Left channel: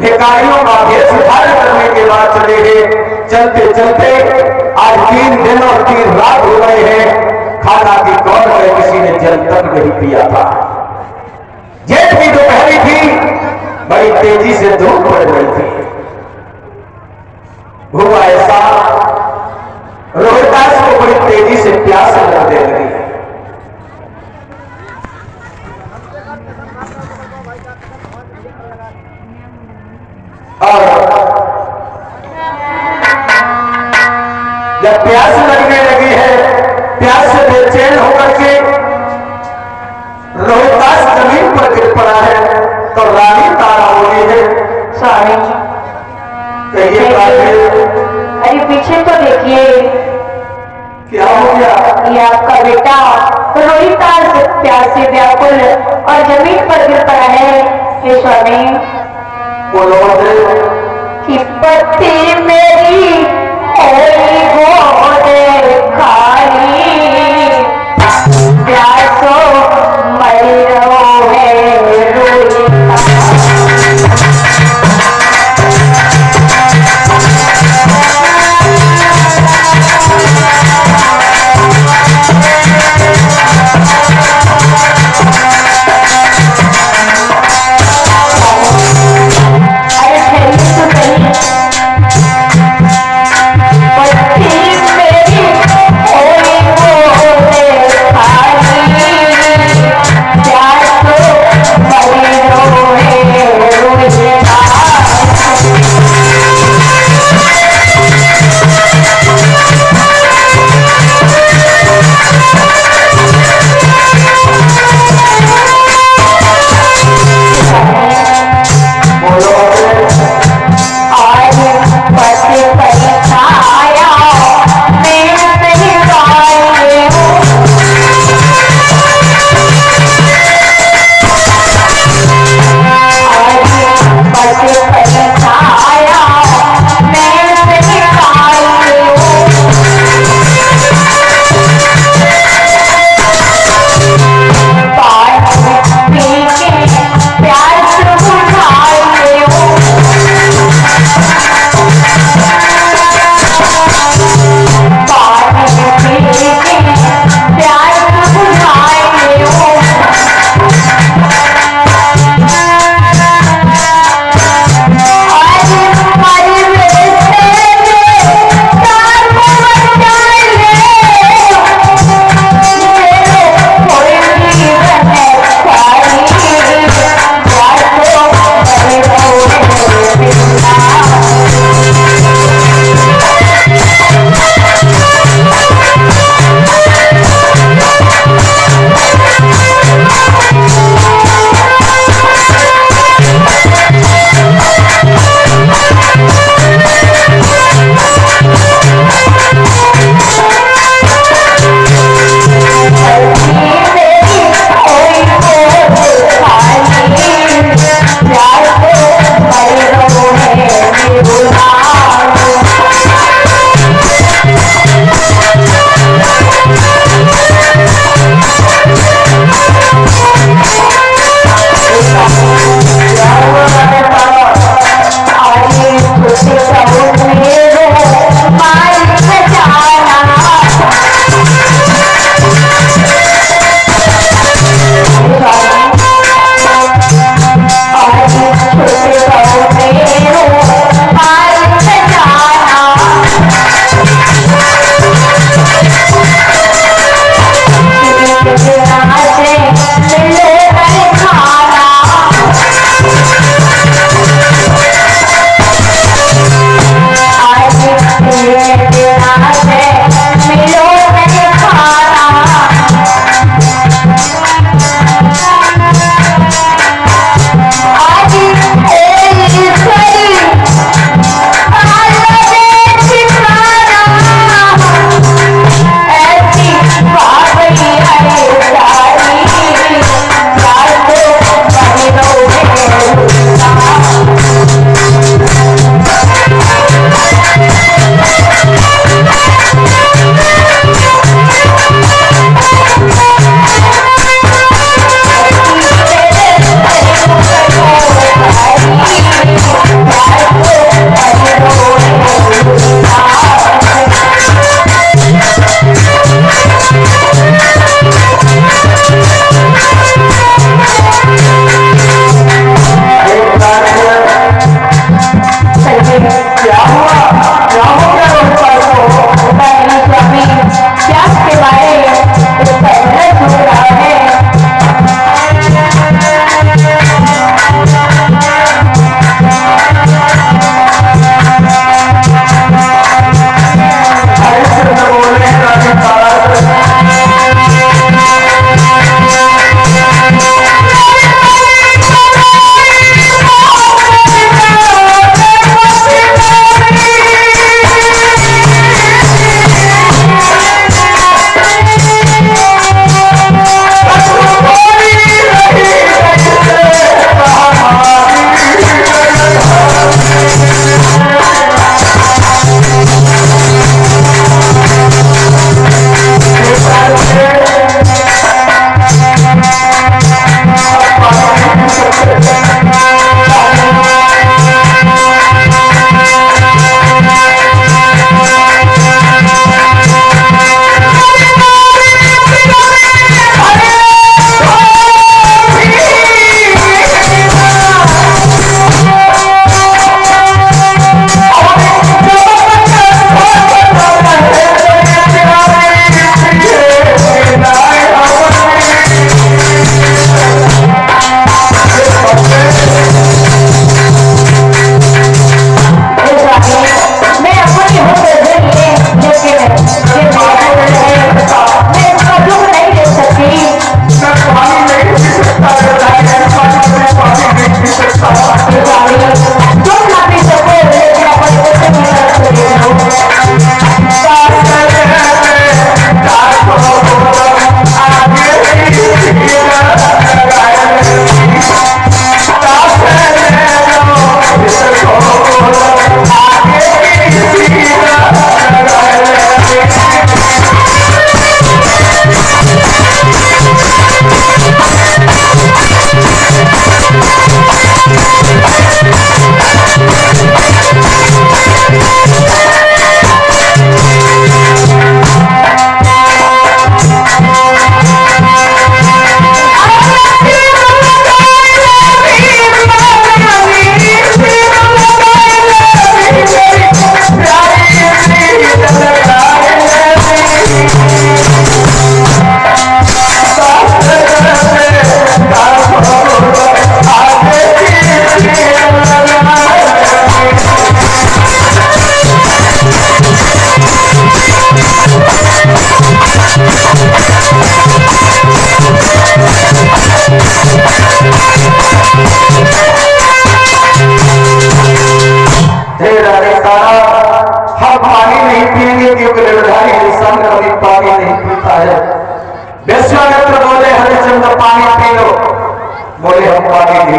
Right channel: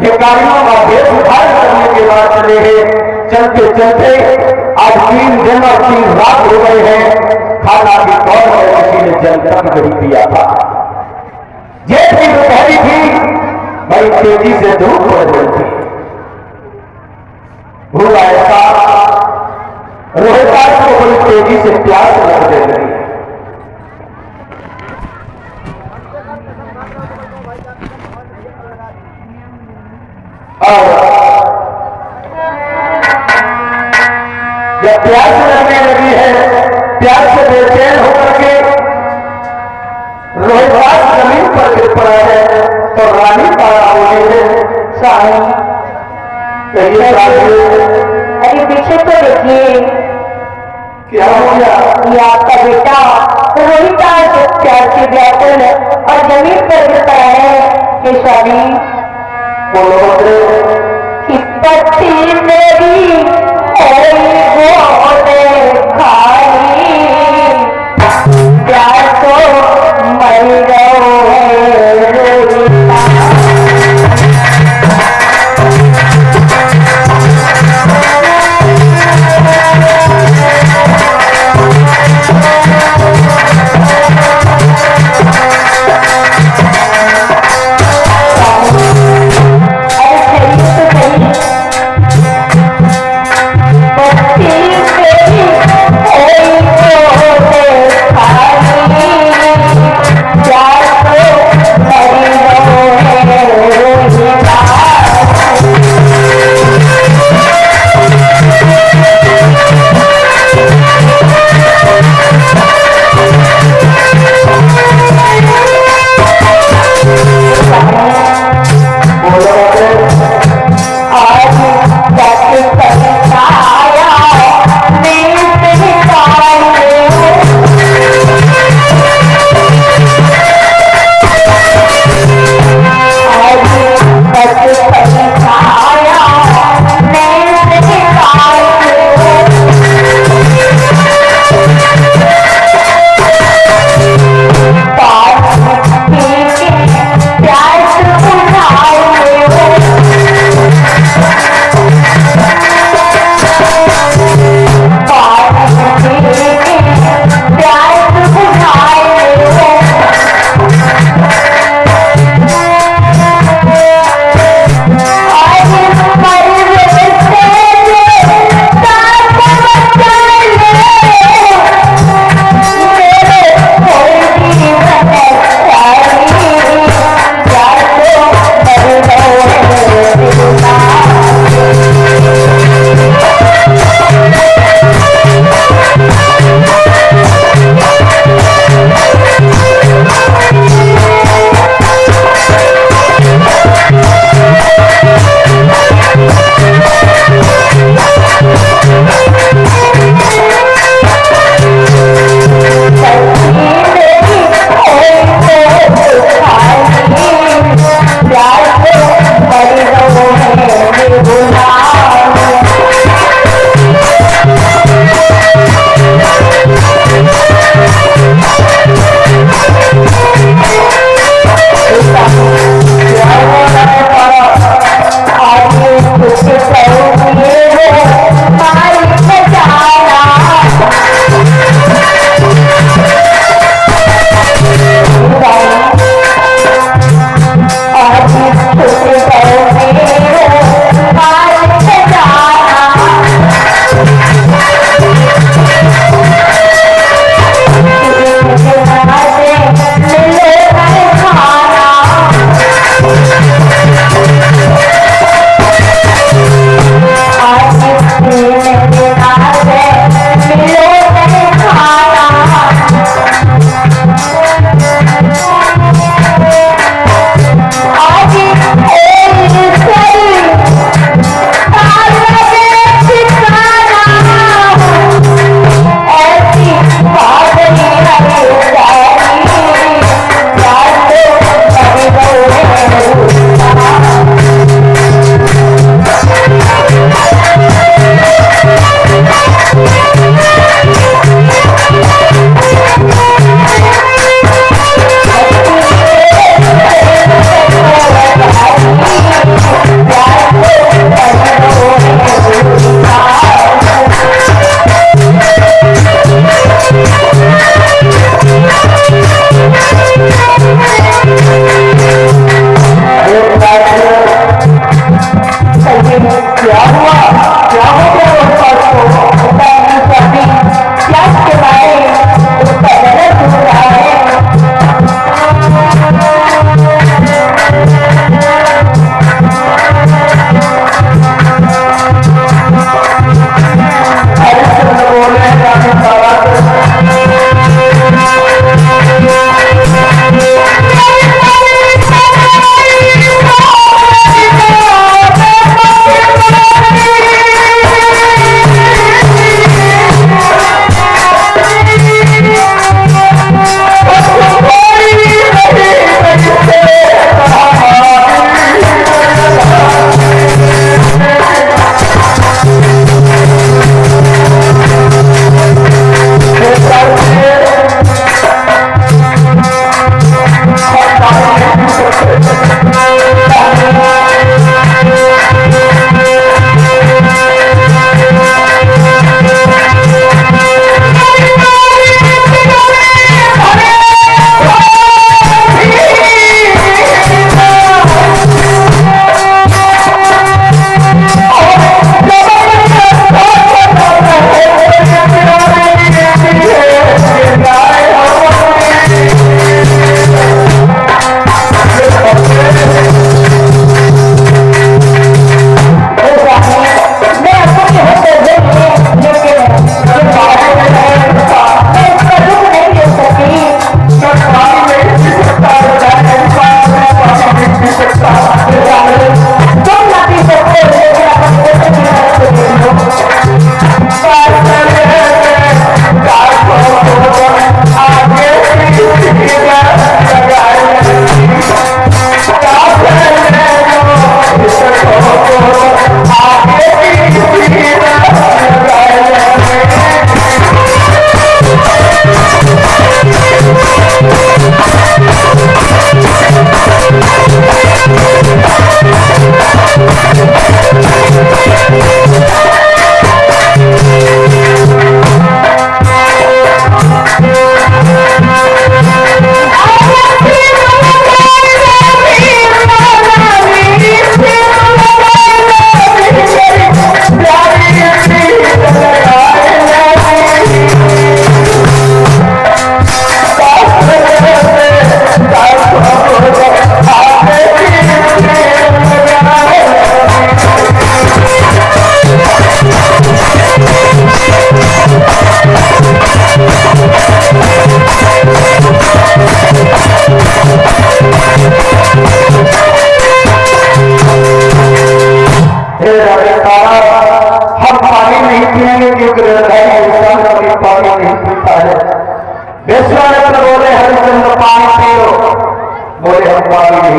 भिखारियों का भेष धारण करने के बाद चले गए। चलते चलते आज 3 दिन और 3 रात हो गए हैं, खाना की दौड़ में किसी ने जल तक नहीं पिया था। जेठ की दोपहरी थी, बड़ी तेजी से धूप पड़ रही थी। हुआ ऐसा, रोहिदास को बड़ी तेजी से प्यास लगने लगी। जब प्यास लगने लगी है, प्यास से बेचैन होकर के रोहिदास जमीन पर गिर पड़ा है, तो रानी तारा बोली है, साहब कहिए अरे पीछे तो देखिए, क्या हो गया? ये आपका बेटा रोहिदास प्यास से व्याकुल और जमीन पर गिर पड़ा है। हे स्वामी, बोलो कि पत्ती मेरी वो खाई प्यासो मर रहो है Oh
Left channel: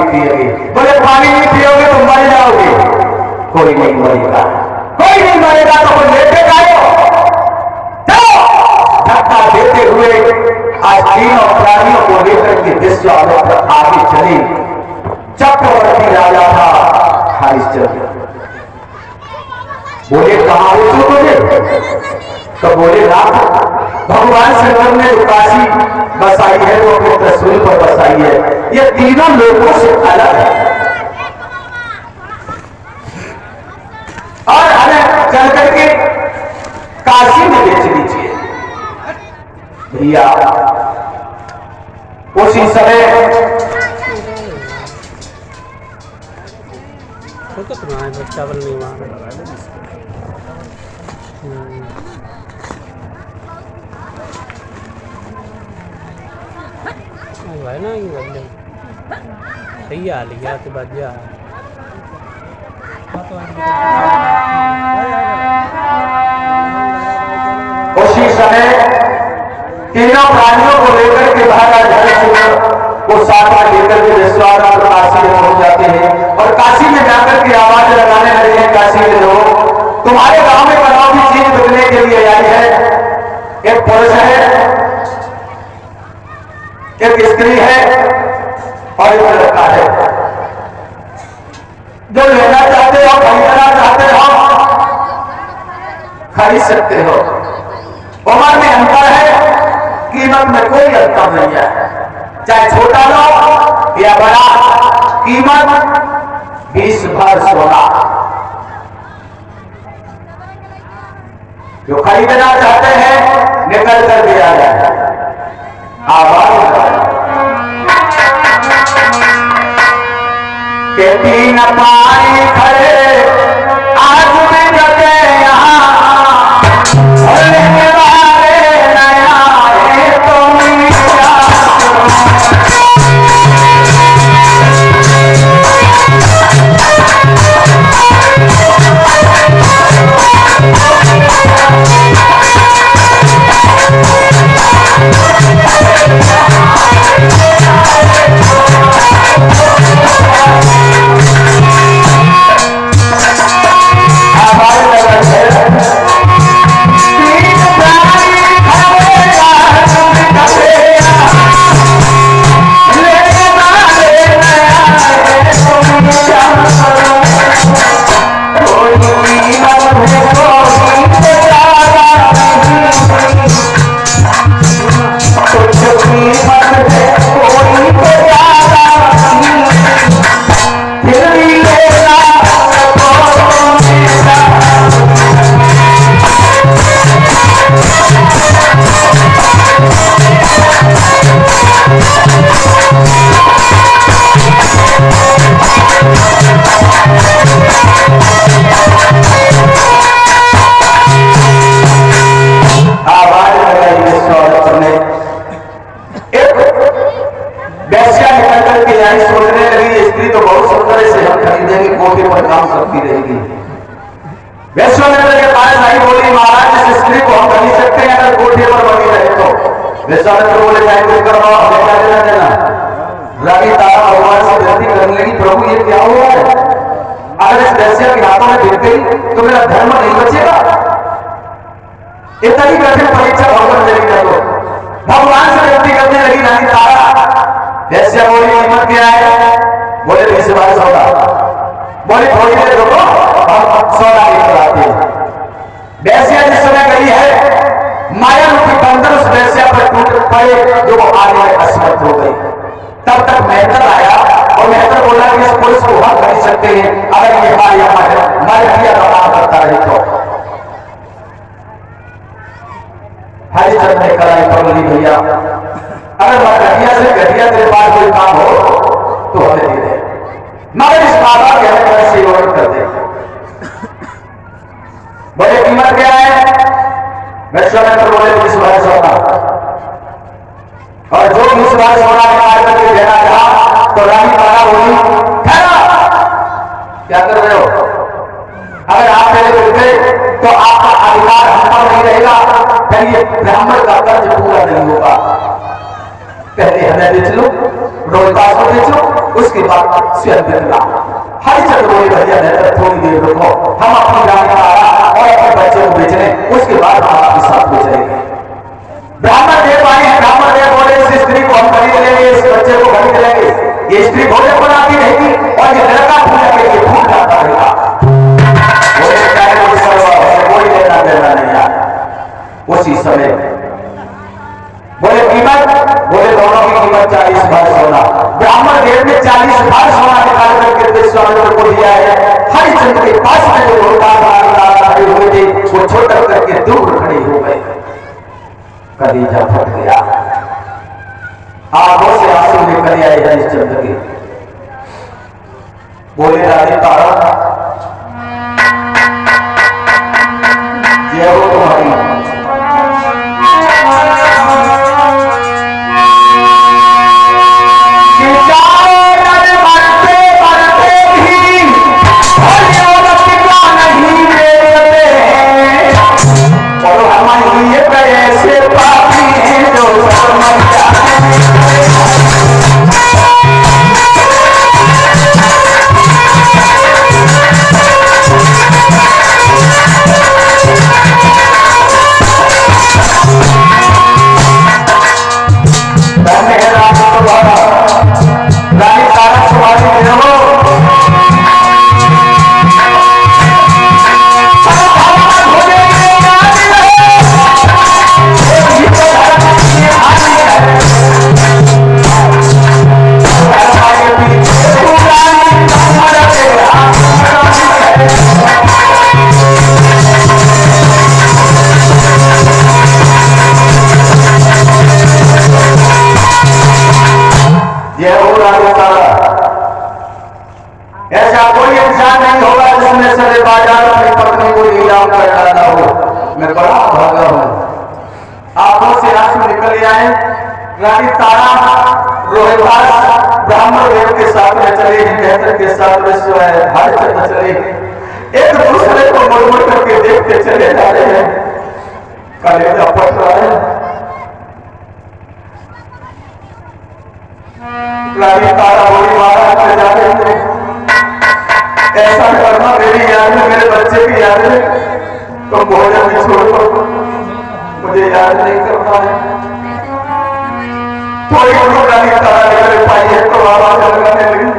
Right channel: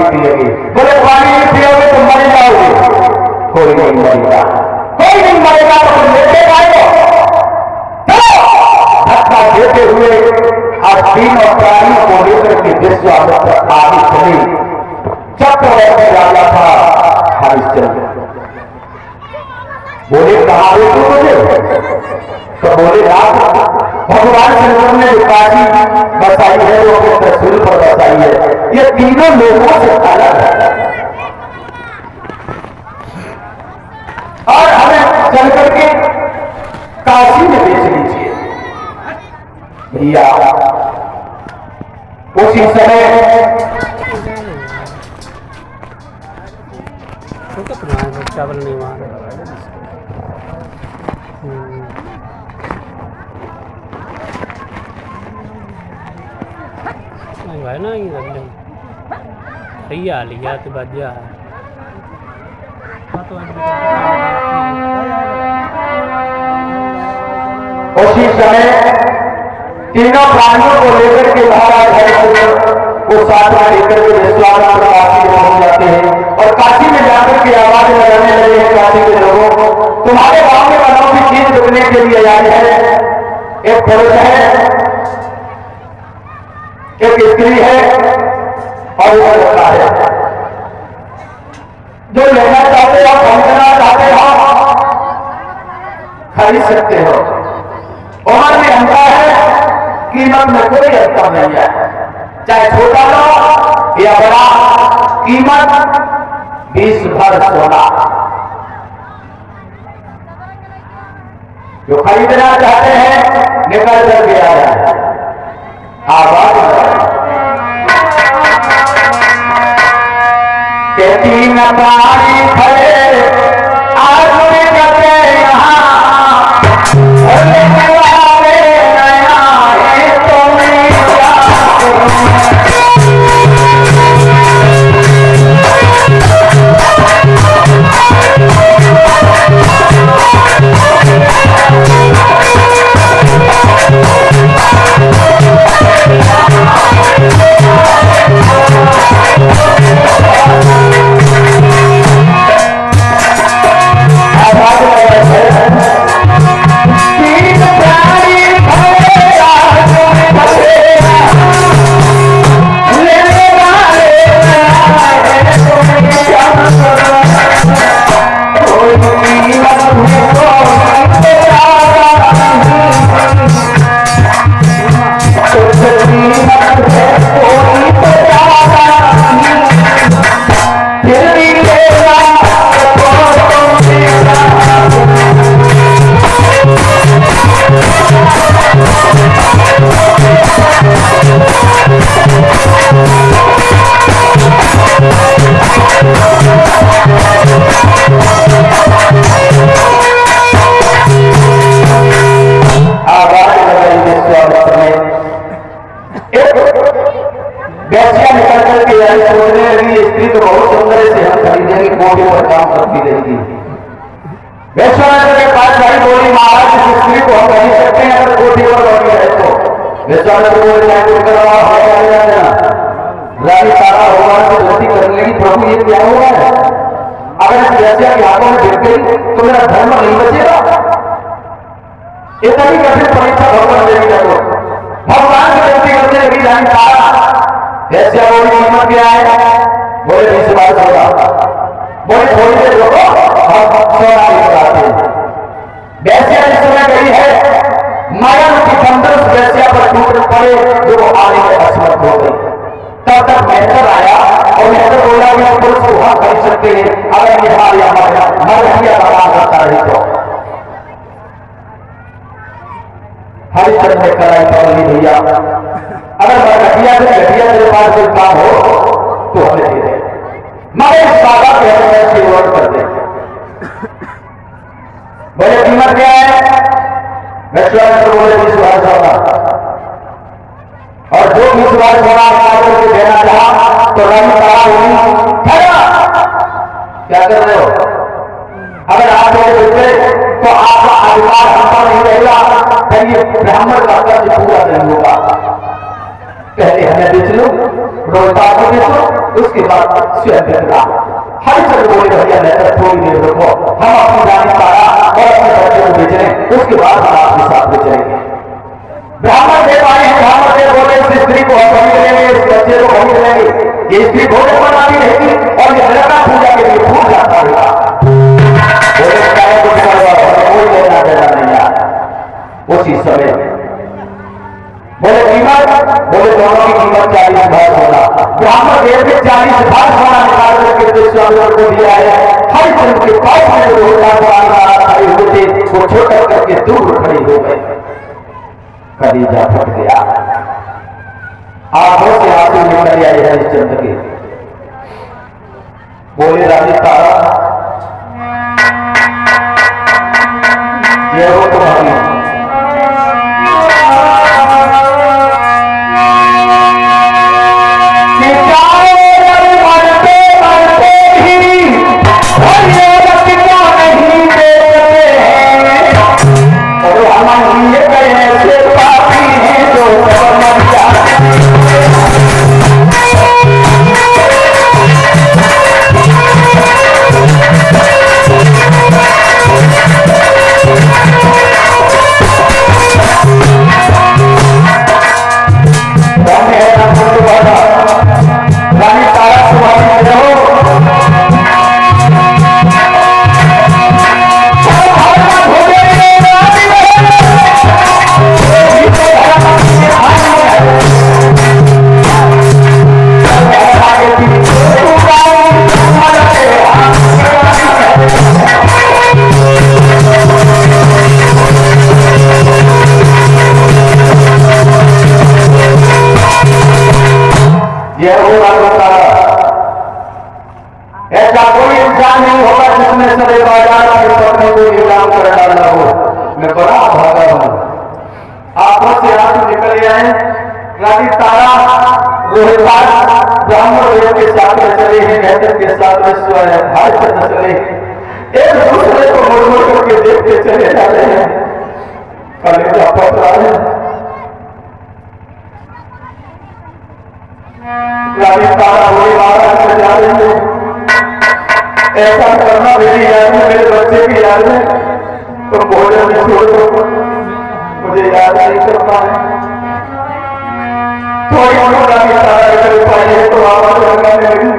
नहीं पिएगी। बोले पानी नहीं पियोगे तो मर जाओगे। कोई नहीं मरेगा, कोई नहीं मरेगा तो तुम लेते जाओ। चलो धक्का देते हुए आज तीनों प्राणियों को लेकर के विश्वामित्र पर आगे चले। चक्रवर्ती राजा था हरिश्चंद्र। बोले कहां हो तू? बोले तो बोले रात भगवान श्रीराम ने जो काशी बसाई है वो अपने त्रिशूल पर बसाई है। ये तीनों लोगों से अलग है और हमें चल करके काशी में बेच लीजिए। भैया उसी समय चावल नहीं भाई ना ये सही आ लिया तो बजा उसी समय तीनों प्राणियों को लेकर के महाराज हरिश्चंद्र को साथ में लेकर के विश्वामित्र काशी में पहुंच जाते हैं और काशी में जाकर के आवाज लगाने लगे हैं काशी के लोगों, तुम्हारे गांव में अनोखी चीज बिकने के लिए आई है। एक पुरुष है, एक स्त्री है और एक लड़का है। जो लेना चाहते हो, खरीदना चाहते हो, खरीद सकते हो। उम्र में अंतर है, कीमत में कोई अंतर नहीं है। चाहे छोटा लो या बड़ा, कीमत 20 भर सोना। जो खरीदना चाहते हैं निकल कर के आ जाए। आवाज के तीन पानी खड़े आज में गए यहाँ के बारे नया है तुम्हें विश्वामित्र के पास भाई बोली, महाराज इस स्त्री को हम खरीद सकते हैं अगर कोठी पर बनी रहे तो। विश्वामित्र बोले मैं कुछ करवाओ, क्या लेना देना। रानी तारा भगवान से विनती करने लगी, प्रभु ये क्या हुआ है? अगर इस वैश्या के हाथों में गिर गई तो मेरा धर्म नहीं बचेगा। इतनी कठिन परीक्षा भगवान देवी ने तो भगवान से विनती करने लगी रानी तारा। वैश्या बोली कीमत क्या है? बोले 20 बार सौदा। बोले थोड़ी देर रुको, हम सौदा लेकर आते हैं। वैश्या जिस समय गई है, माया की बंधन उस वैश्या पर टूट पड़े जो वो आने में असमर्थ हो गई। तब तक मेहतर आया और मेहतर बोला कि इस पुरुष को हम खरीद सकते हैं अगर ये मरहिया बर्बाद करता रही तो। हरिश्चंद्र ने कराई पकड़ी, भैया अगर घटिया से घटिया तेरे पास कोई काम हो तो हमें दे दे, मगर इस बाबा के हमें सेवन कर दे। बोले कीमत क्या है? विश्वामित्र बोले 20 बार सोना। और जो 20 बार सोना निकाल के देना चाहा तो रानी तारा बोली ठहरा, क्या कर रहे हो? अगर आप मेरे देते तो आपका अधिकार हम पर नहीं रहेगा, फिर ये ब्राह्मण का कर्ज पूरा नहीं होगा। पहले हमें बेच लो, रोहतास को बेचो, उसके बाद स्वयं बिकला। हरिचंद्र बोले भैया रहकर थोड़ी देर रुको, हम अपनी रानी तारा और अपने बच्चे को बेच लें, उसके बाद हम आपके साथ में चलेंगे। ब्राह्मण देव आए हैं, ब्राह्मण देव बोले इस स्त्री को हम खरीद लेंगे, इस बच्चे को खरीद लेंगे, ये स्त्री भोजन बनाती रहेगी और ये लड़का पूजा के लिए फूल जाता रहेगा। बोले कोई लेना देना नहीं यार। उसी समय बोले कीमत, बोले दोनों की कीमत 40 भार सोना। ब्राह्मण देव ने 40 भार सोना निकाल करके स्वामी को दिया है। हरिचंद्र के पास में जो खड़े हुए थे वो छोटा करके दूर खड़े हो गए। कलीजा फट गया, आंखों से आंसू निकल आए हरिश्चंद्र के। बोले रानी तारा, जय हो तुम्हारी। ऐसा कोई इंसान नहीं होगा जिसने सरे बाजार अपनी पत्नी को नीलाम कर डाला हो। मैं बड़ा भागा हूं। आंखों से आंसू निकल आए। रानी तारा रोहतास ब्राह्मण देव के साथ में चले हैं, मेहतर के साथ में हरिचंद्र चले, एक दूसरे को मुड़ करके देखते चले जा रहे हैं। कलेजा फट रहा है। रानी तारा बोली महाराज में जा रही है, ऐसा करना मेरी याद में, मेरे बच्चे की याद में, तो बोले में छोड़ दो, मुझे याद नहीं करना है। कोई रानी तारा लेकर पाई है तो आवाज लगाने लगी,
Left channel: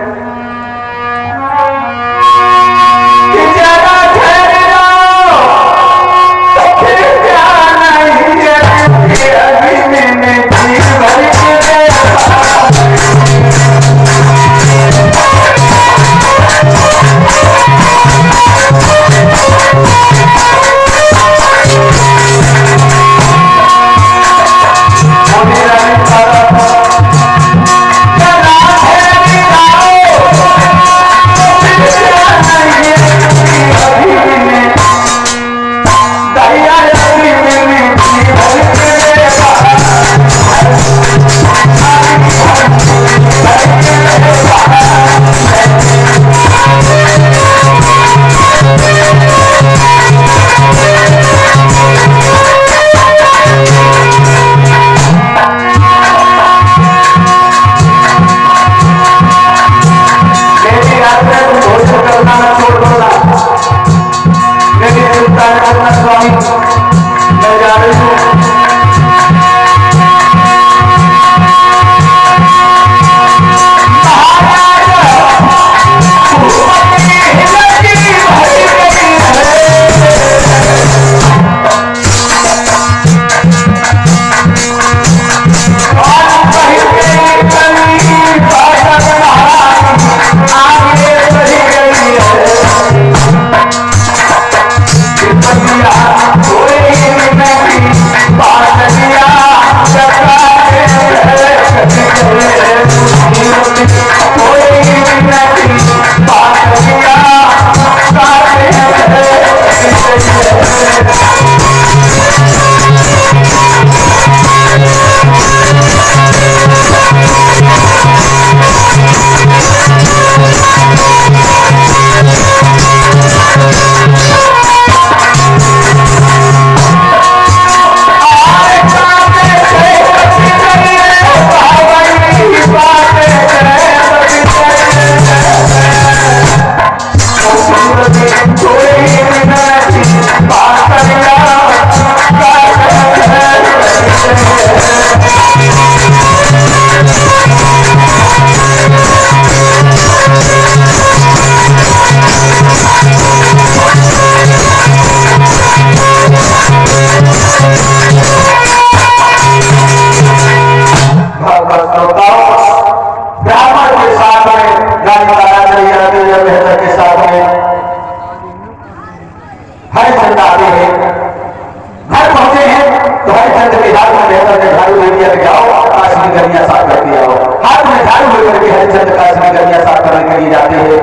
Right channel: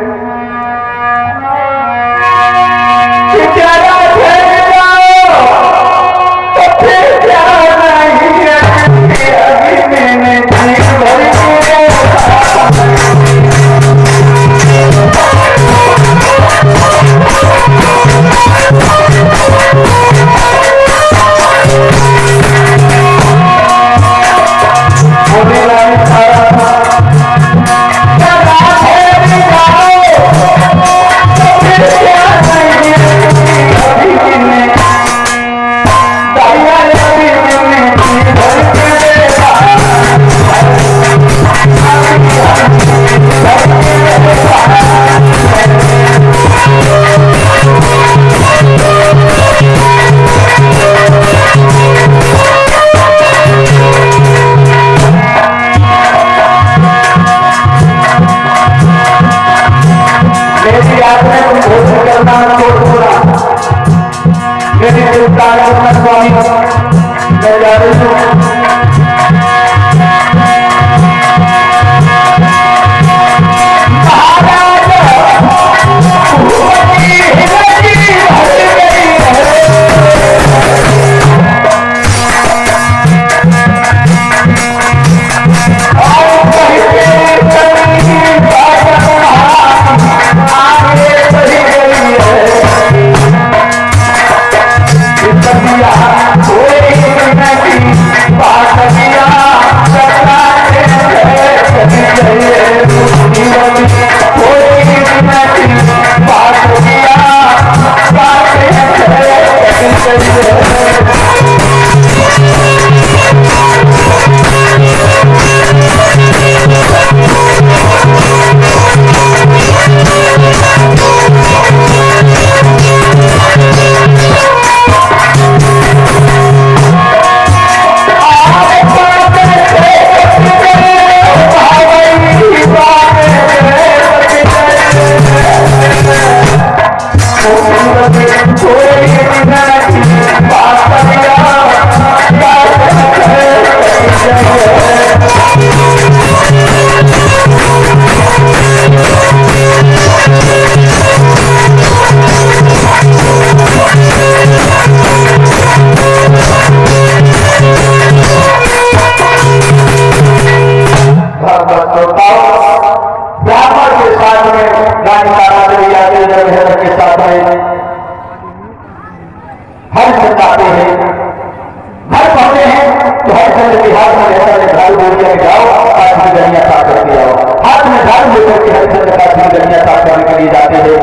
दी जाती है।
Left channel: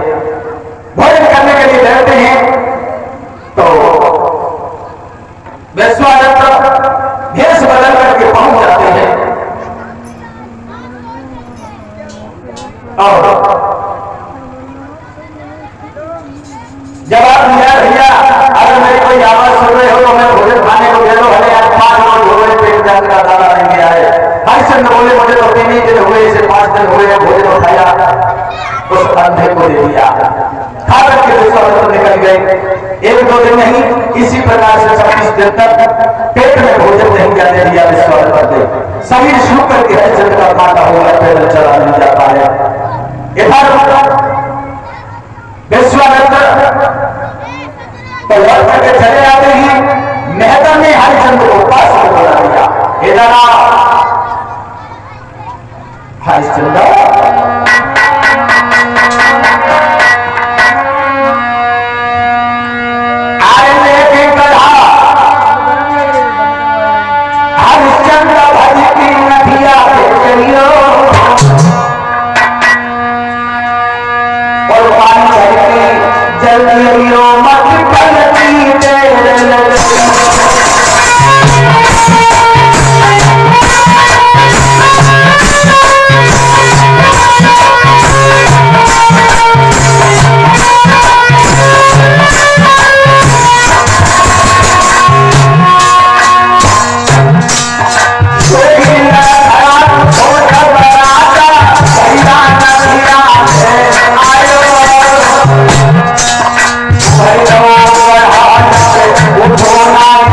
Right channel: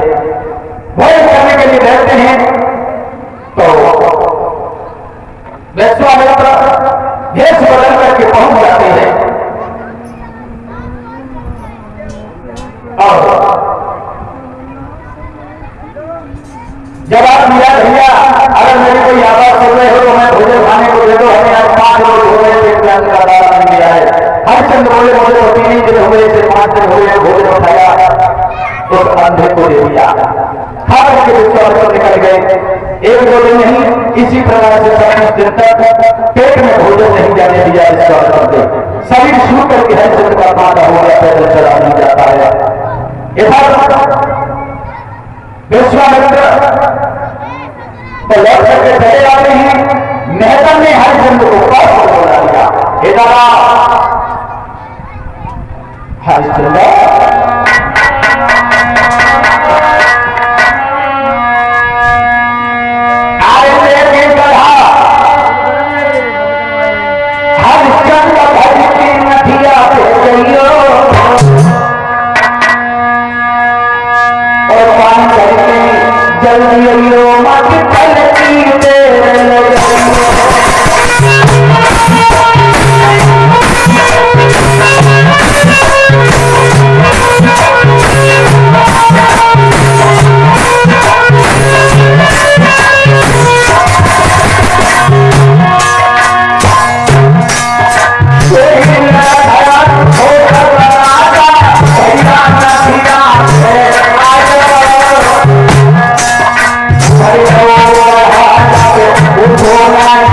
भोजन करने के लिए बैठते हैं तो विश्वामित्र भेष बदल करके पहुंच जाते हैं और जवाब दिया, भैया अगर मेरी कोई आवाज सुन रहे हो तो मैं भोजन खाने को दे दो, हमें आज 5 रोज हो गए, पेट में का दाना नहीं गया है। हरिश्चंद्र बोले मुझे तो 3 ही दिन हुए, इसे 5 दिन हुए, भोजन उठाया, उस अंधे को दे दिया। खाकर के विश्वामित्र निकल गए। 1-2 दिन नहीं, इसी प्रकार से 26 दिन तक पेट में भोजन नहीं जाने दिया विश्वामित्र ने। शरीर शुरू करके हरिश्चंद्र का खाना होगा, पैदल चला नहीं जाता है। इधर विश्वामित्र लौट करके चले आते हैं। मेहता ने हरिश्चंद्र को पास बोला दिया, इधर हरिश्चंद्र आरे लेके बढ़ा हरिश्चंद्र भरी की नदिया पे चलियो और पानी चलके जल्दी मत पलटी दे लगे। Oh,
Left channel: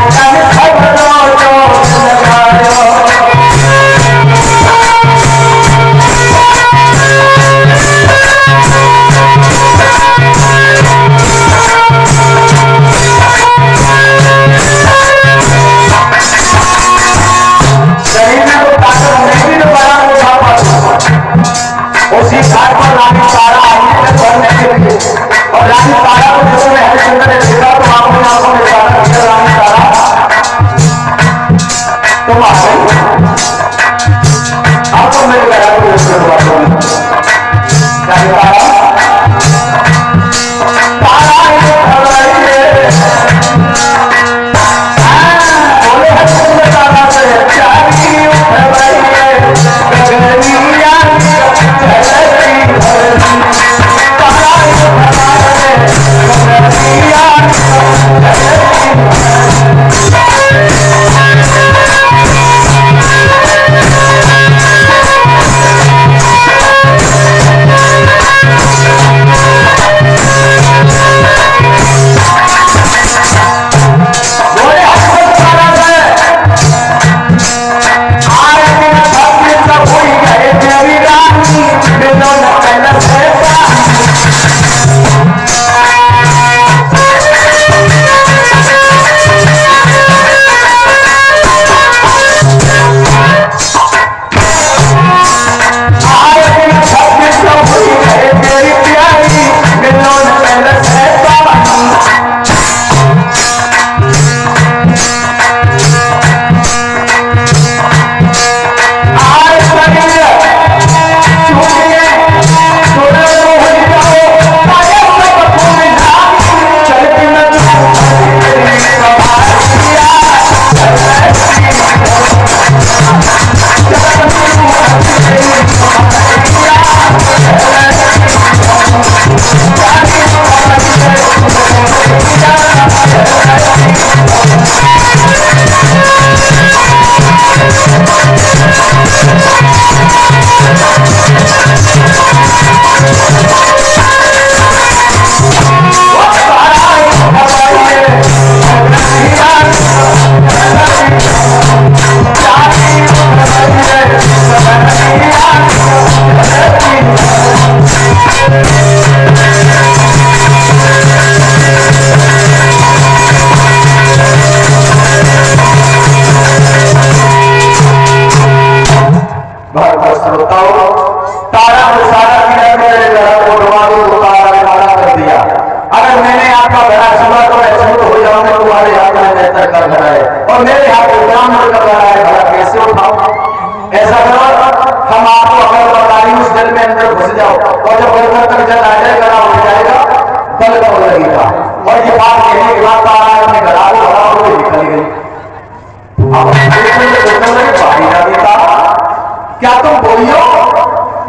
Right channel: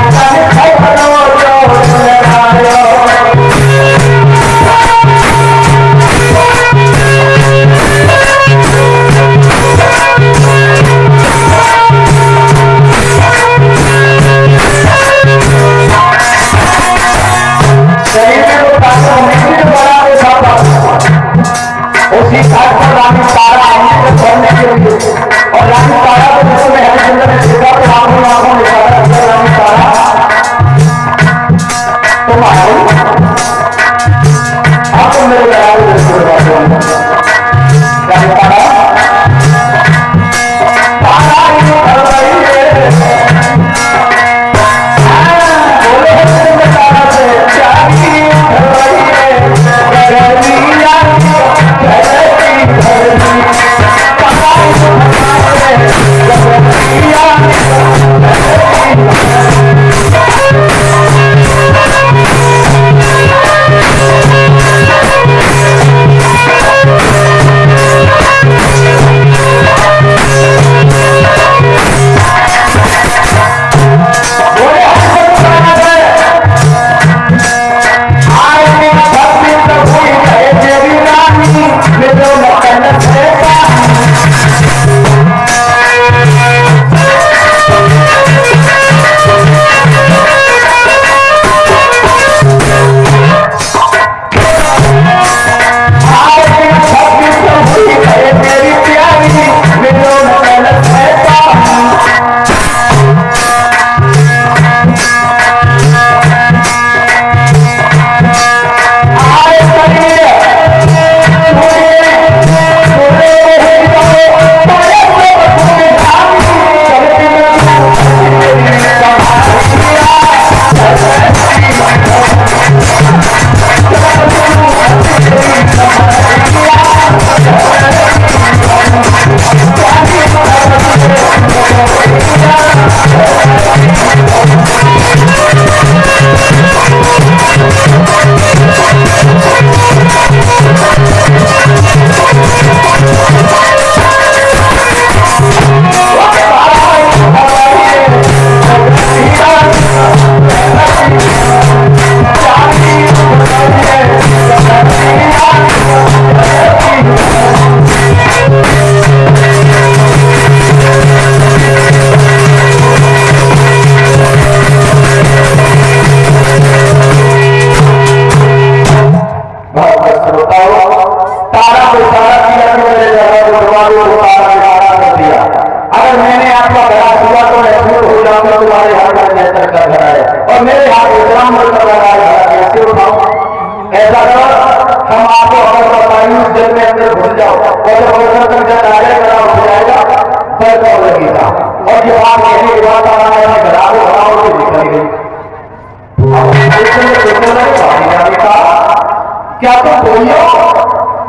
क्या तुम वही हो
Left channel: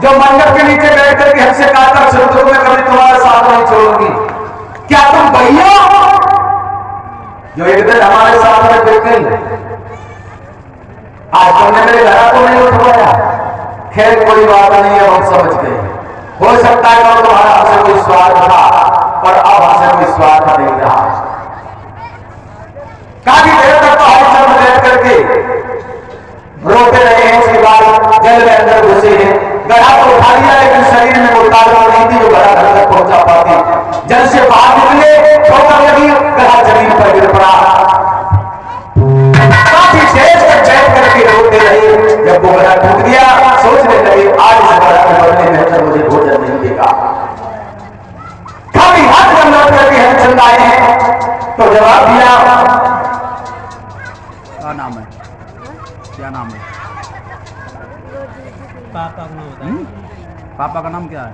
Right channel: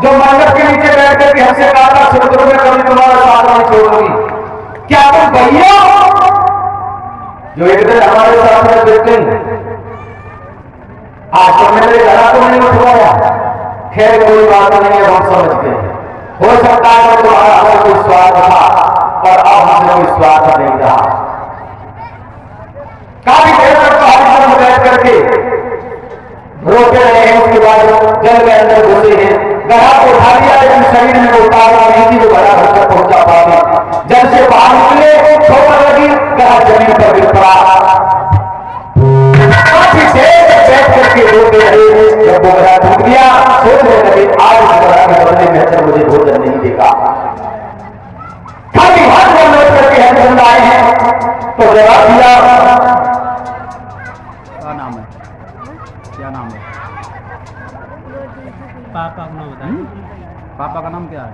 जो मंडप के नीचे बैठ करके हमसे कहा था समुद्र में कभी तुम्हारा साथ नहीं छोड़ूंगी? क्या तुम वही हो जो एक दिन हमारे साथ में देखते आज तुमने मेरे घर को नहीं उठवाया? खैर कोई बात नहीं है, हम समझ गए। हो सकता है कि तुम्हारा हमसे कोई स्वार्थ था पर अब हमसे कोई स्वार्थ नहीं रहा। काफी देर तक तो हम सब बैठ करके रोते रहे हैं। उसके बाद जल में अंदर घुसे हैं, गड़ा को उठा लिया लेकिन शरीर में वो ताकत नहीं थी जो गड़ा घर तक पहुंचा पाती। जल से बाहर निकले, ठोकर लगी, गड़ा जमीन पर गिर पड़ा। काफी देर तक बैठ करके रोते रहे। जब वो गड़ा टूट गया सोचने लगे आज इस गड़ा के बदले में तो मुझे भोजन नहीं देगा। खाली हाथ में लौट करके हेमचंद आए हैं तो जवाब दिया क्या नाम है? क्या नाम है? पापा का नाम बता। पापा का नाम क्या है?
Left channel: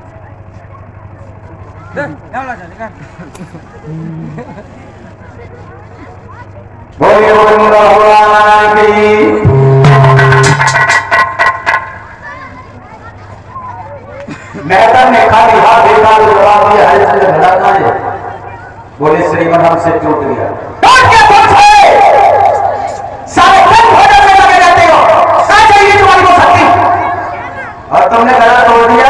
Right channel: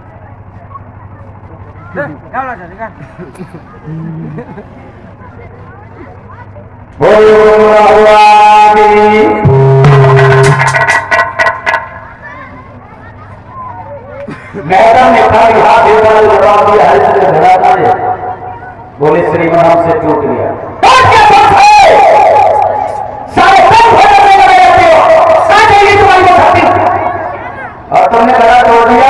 मैडम ने खाली हाथ देखा जवाब दिया हरिश्चंद्र घराना ने। बोले श्रीमन हमसे टूट गया। सारे कम भोजन में लगे रहते हो, कहां चाहिए तुम्हारी वो शक्ति? और तुमने गला तोड़ दिया,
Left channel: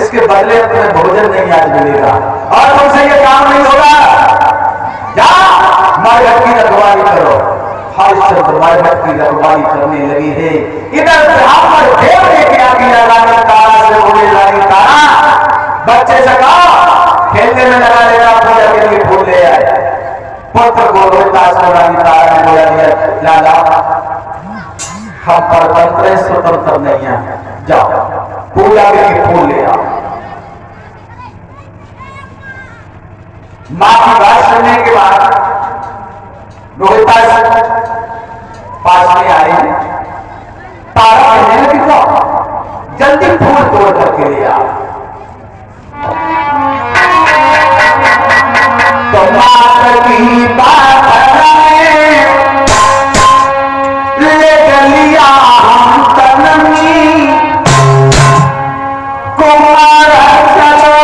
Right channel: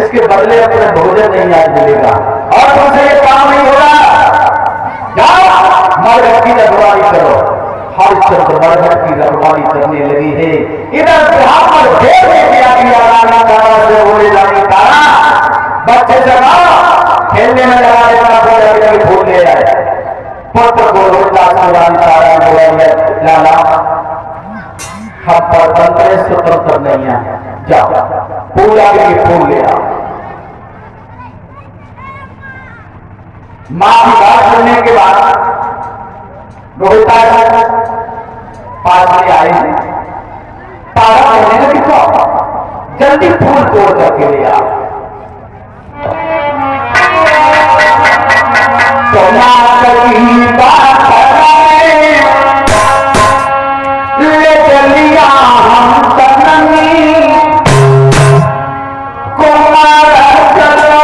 इसके बदले अपने भोजन नहीं आज मिलेगा और तुमसे ये काम नहीं होगा। जा मरघट की रखवाली करो। हरिश्चंद्र मरघट की रखवाली करने लगी है। इधर जहां पर देव ने क्या किया रानी तारा से बोले रानी तारा बच्चे जगा खेलने में लगा लेगा, पूजा के लिए फूल ले आए। पुत्र को रोता सो रानी तारा बोला लाला हम परतंत्र स्वतंत्र नहीं है, जाओ पूजा के लिए फूल ले आओ। मां की बात सुनने के बाद रोहिता पास में आई। तारा कहने लगी तो जल्दी फूल तोड़ करके ले आओ। तो मां की बात ले चलिया हम तननी कुमार चलो।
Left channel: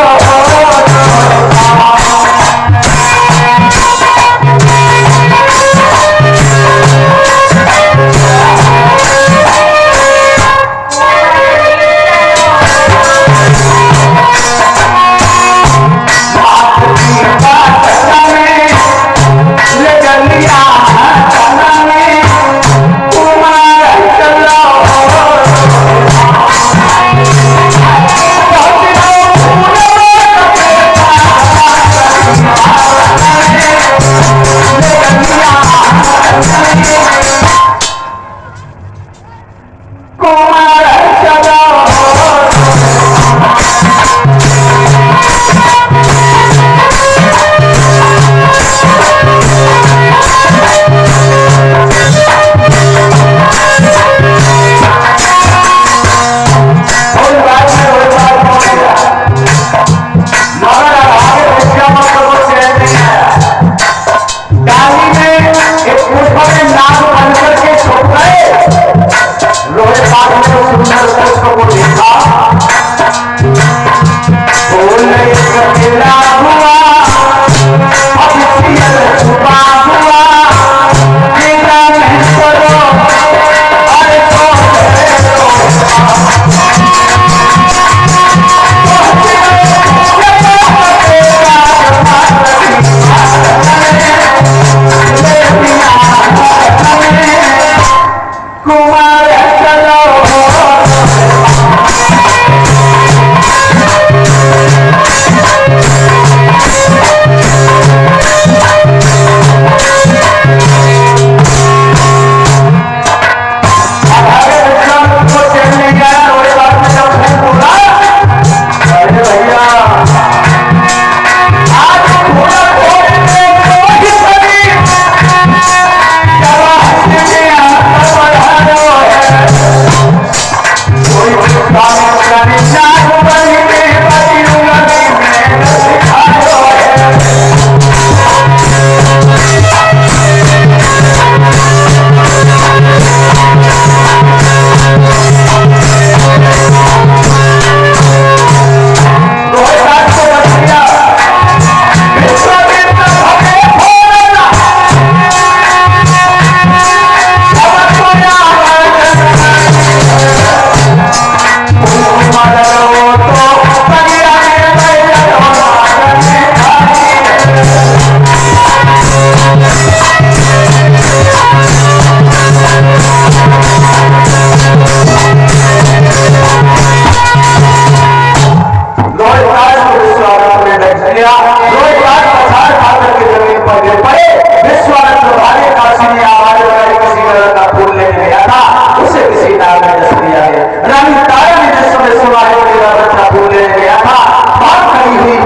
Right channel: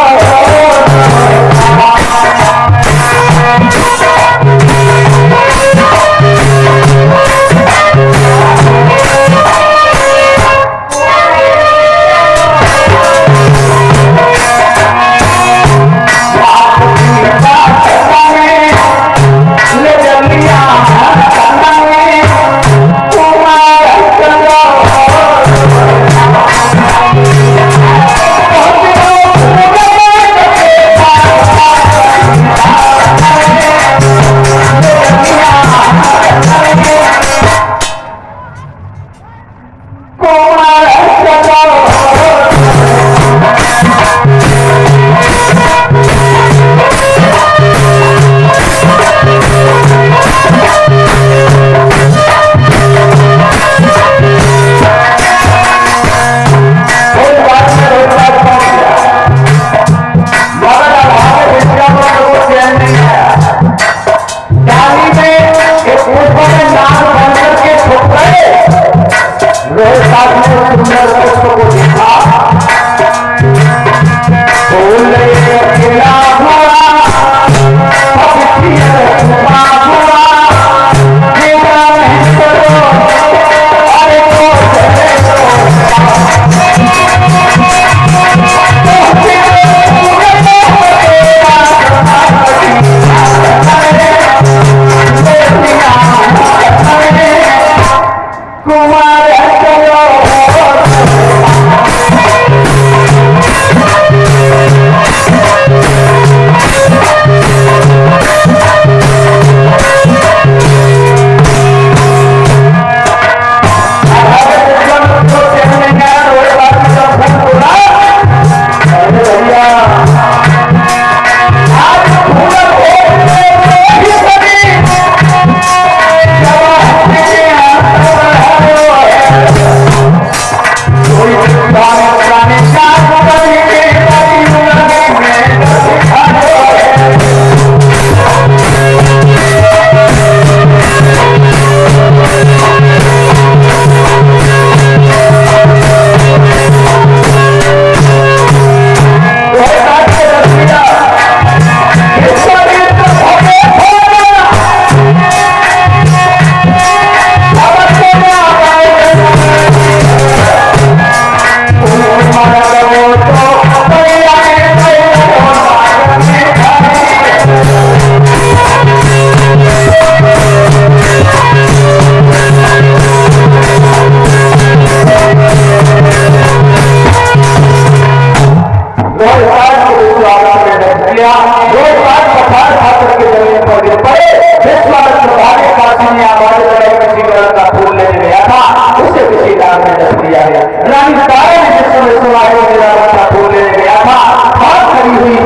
मिला। रोहिदास पछाड़ खाकर के जमीन पर गिर पड़े। विश्वामित्र भागे, काशी में आवाज लगाई, किसी गलत का फूल लेने गया था, उसे किसी नाग ने डस लिया है। रानी तारा ने जिस समय सुना है मेरा बच्चा फूल लेने गया था, बात खड़ी हुई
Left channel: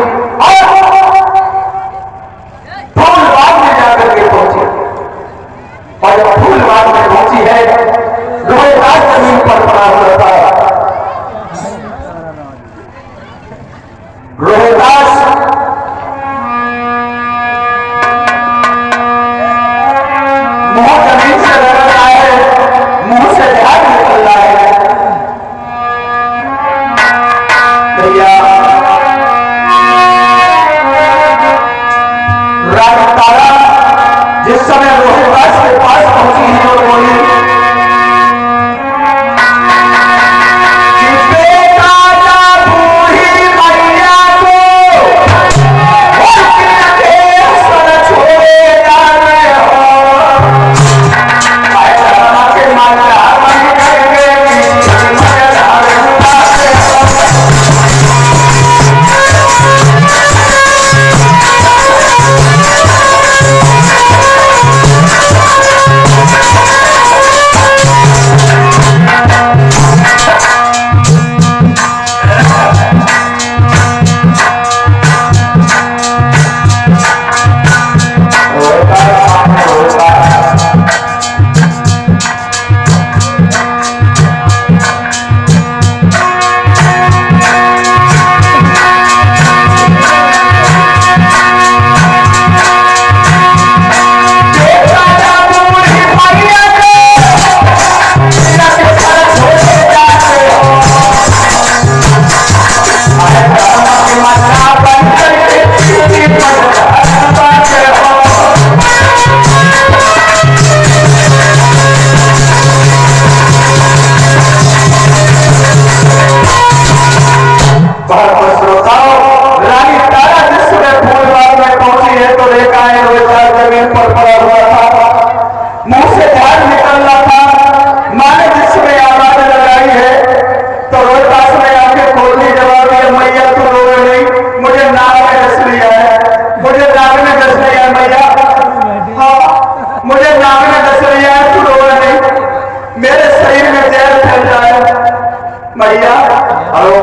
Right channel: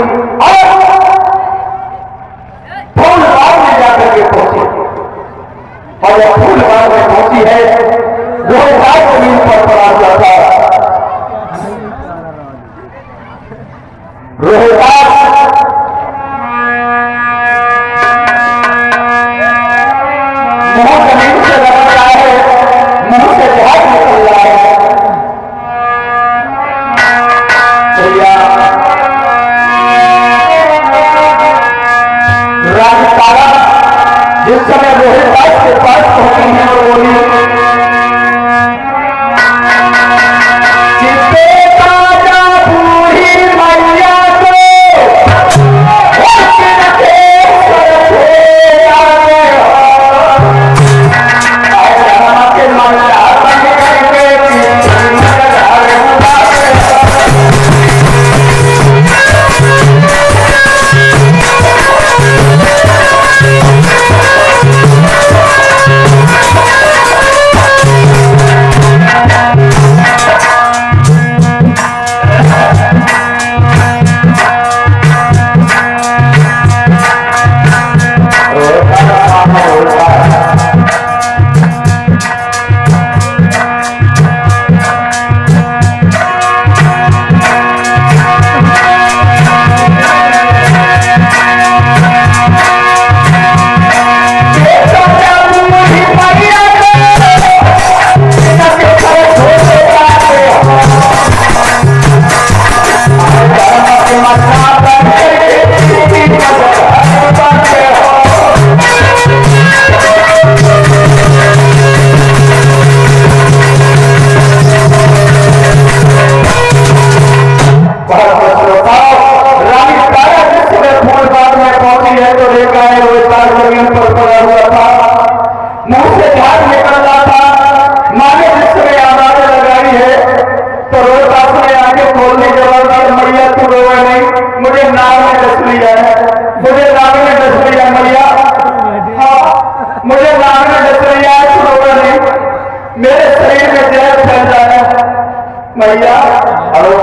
और फूल बाग में जाकर के पहुंची। और जब फूल बाग में पहुंची है, रोहिदास जमीन पर पड़ा हुआ था। रोहिदास मुंह जमीन से लग रहा है, मुंह से झाग निकल रहा है। रानी तारा जिस समय रोहिदास के पास पहुंची है और बोली कि बेटा जा बूढ़ी मैया को और किनके सर छोड़े जाने हो। आए जमाना के माला बन करके मजार उठाते हो। मुझे नाग ने डस लिया है, तू रोना नहीं, मेरे शरीर में जहर फैल रहा है मैया। हेलो